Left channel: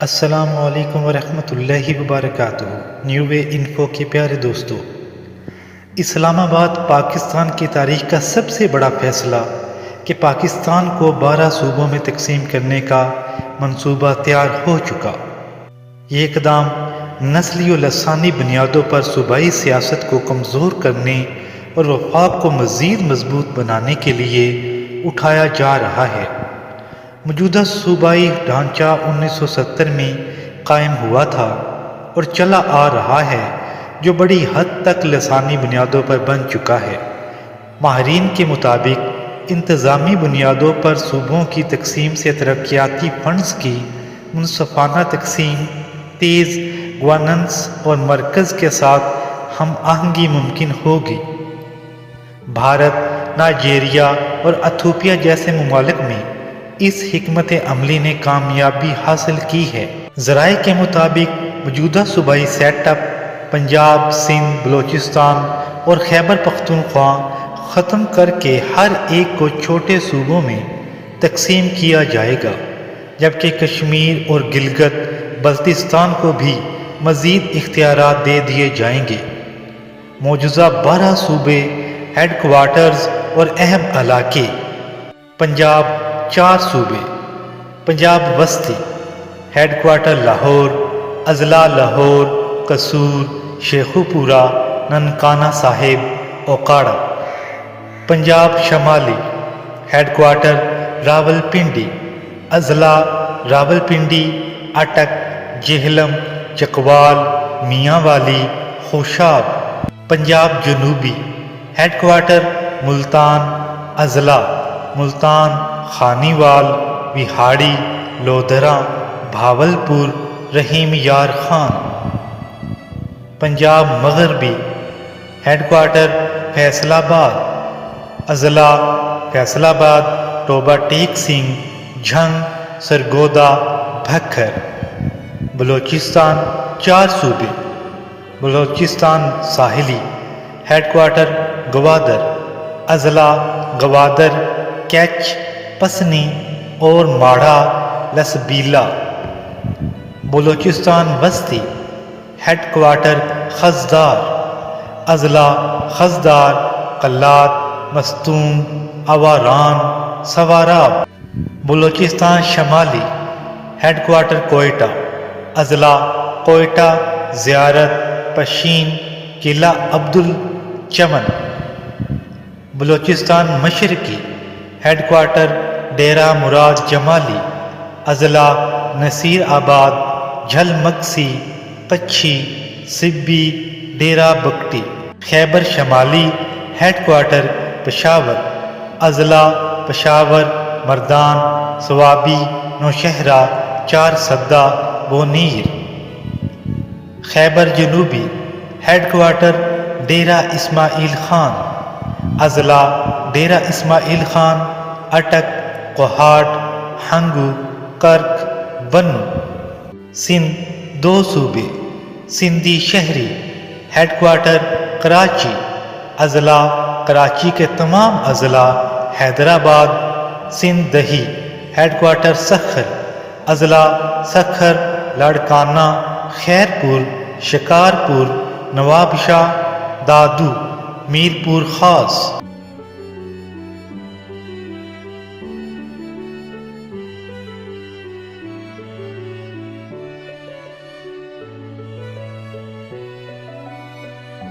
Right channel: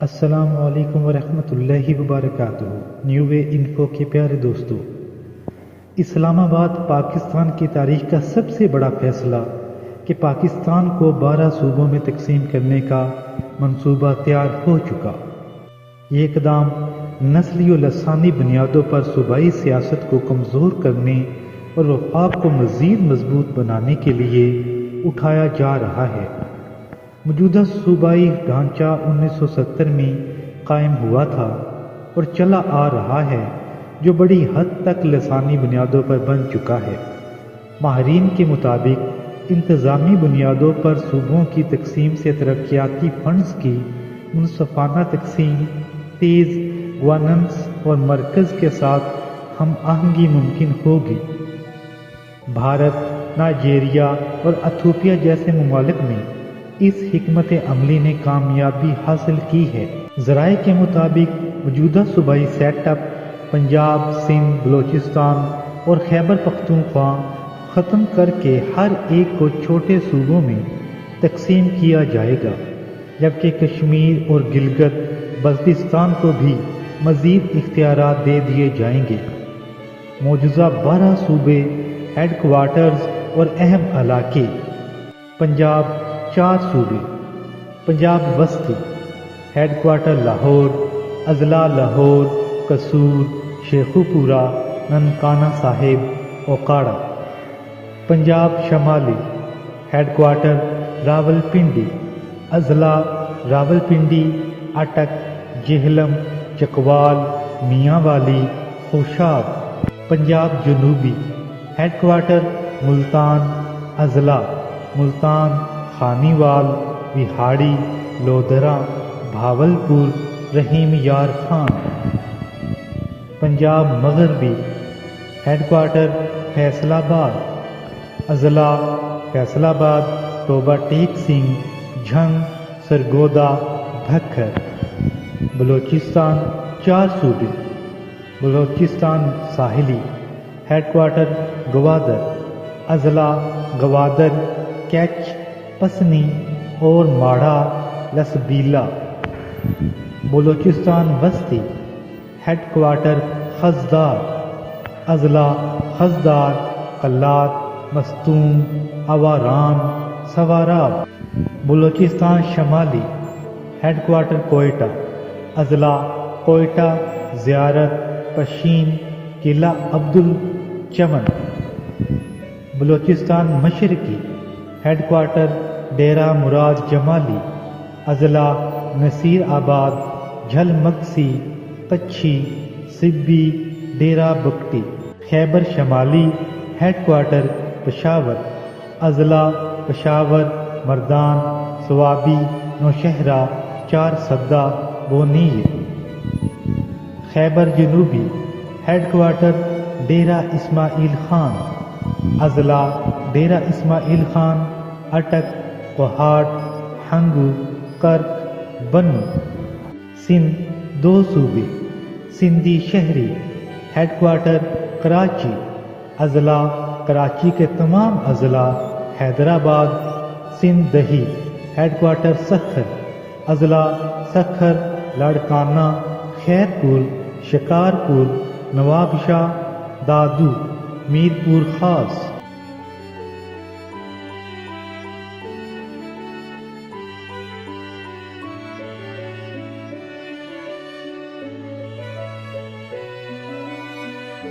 السلام علیکم ورحمۃ اللہ وبرکاتہ۔ نیو وے انفو کے پیارے دوستو، اسلام آباد پاکستان کی تاریخ کا سب سے بڑا فیصلہ کہ پاکستان کو 12 صوبوں میں تقسیم کرنے کا منصوبہ تیار ہو چکا۔ یہ اقدام نسلی و لسانی بنیادوں پر صوبائی سیاست کو کمزور کرنے اور وفاق کو مزید مضبوط بنانے کے لیے اٹھایا جا رہا ہے۔ موجودہ صوبائی ڈھانچہ 1970 میں قائم ہوا تھا اور چلا آ رہا ہے، جو بڑی حد تک لسانی بنیادوں پر بن چکا ہے۔ ماہرین کے مطابق انتظامی بنیادوں پر صوبوں کی تقسیم سے ترقیاتی فنڈز کی منصفانہ تقسیم، تیز گورننس اور مرکز کے ساتھ ہم آہنگی ممکن ہوگی۔ بھارت، نائجیریا اور ایتھوپیا جیسے ممالک میں اس حکمت عملی نے کامیابی حاصل کی ہے۔ ذرائع کے مطابق موجودہ صوبائی سیٹ اپ پنجاب، سندھ، بلوچستان اور خیبر پختونخوا ختم کر کے ہر ایک کو چھوٹے صوبوں میں تقسیم کیا جائے گا، جبکہ کشمیر اور گلگت بلتستان کو بھی مزید اختیارات دے دیے جائیں گے۔ موجودہ 12 صوبے، ہیڈ کوارٹرز اور اہم علاقے: پنجاب 4 صوبے: پنجاب وسطی، ہیڈ کوارٹر لاہور، اضلاع لاہور، قصور، شیخوپورہ، ننکانہ صاحب، اوکاڑہ۔ پنجاب شمالی، ہیڈ کوارٹر راولپنڈی، اضلاع راولپنڈی، اٹک، جہلم، چکوال، میاں والی، خوشاب۔ پنجاب جنوبی، ہیڈ کوارٹر ملتان، اضلاع ملتان، خانیوال، وہاڑی، لودھرا، بھاولپور، رحیم یار خان۔ پنجاب مغربی، ہیڈ کوارٹر فیصل آباد، اضلاع فیصل آباد، ٹوبہ ٹیک سنگھ، جھنگ، سرگودا، بھکر۔ بلوچستان 4 صوبے: بلوچستان ساحلی، ہیڈ کوارٹر گوادر، اضلاع گوادر، کیچ، پسنی اور ماڑھا لسبیلا۔ بلوچستان وسطی، ہیڈ کوارٹر خضدار، اضلاع خضدار، قلات، مستونگ، اواران، سواراب۔ بلوچستان شمالی، ہیڈ کوارٹر کوئٹہ، اضلاع کوئٹہ، زیارت، پشین، قلعہ عبدالچمن۔ بلوچستان مشرقی، ہیڈ کوارٹر ڈیرہ مراد جمالی، اضلاع نصیر آباد، جھل مگسی، کچھی، سبی، ڈیرہ بگٹی۔ خیبر شمالی، ہیڈ کوارٹر پشاور، اضلاع پشاور، مردان، صوابی، نوشہرہ، چار سدہ، بونیر۔ خیبر جنوبی، ہیڈ کوارٹر ڈیرہ اسماعیل خان، اضلاع ڈیرہ اسماعیل خان، اٹک، کوہاٹ، ہنگو، کرک، بنو۔ سندھ 2 صوبے: سندھی شہری، ہیڈ کوارٹر کراچی، اضلاع کراچی کے تمام اضلاع، حیدرآباد۔ سندھ دہی، ہیڈ کوارٹر سکھر، اضلاع سکھر، لاڑکانہ، خیرپور، شکارپور، نواب شاہ، دادو، میرپور خاص۔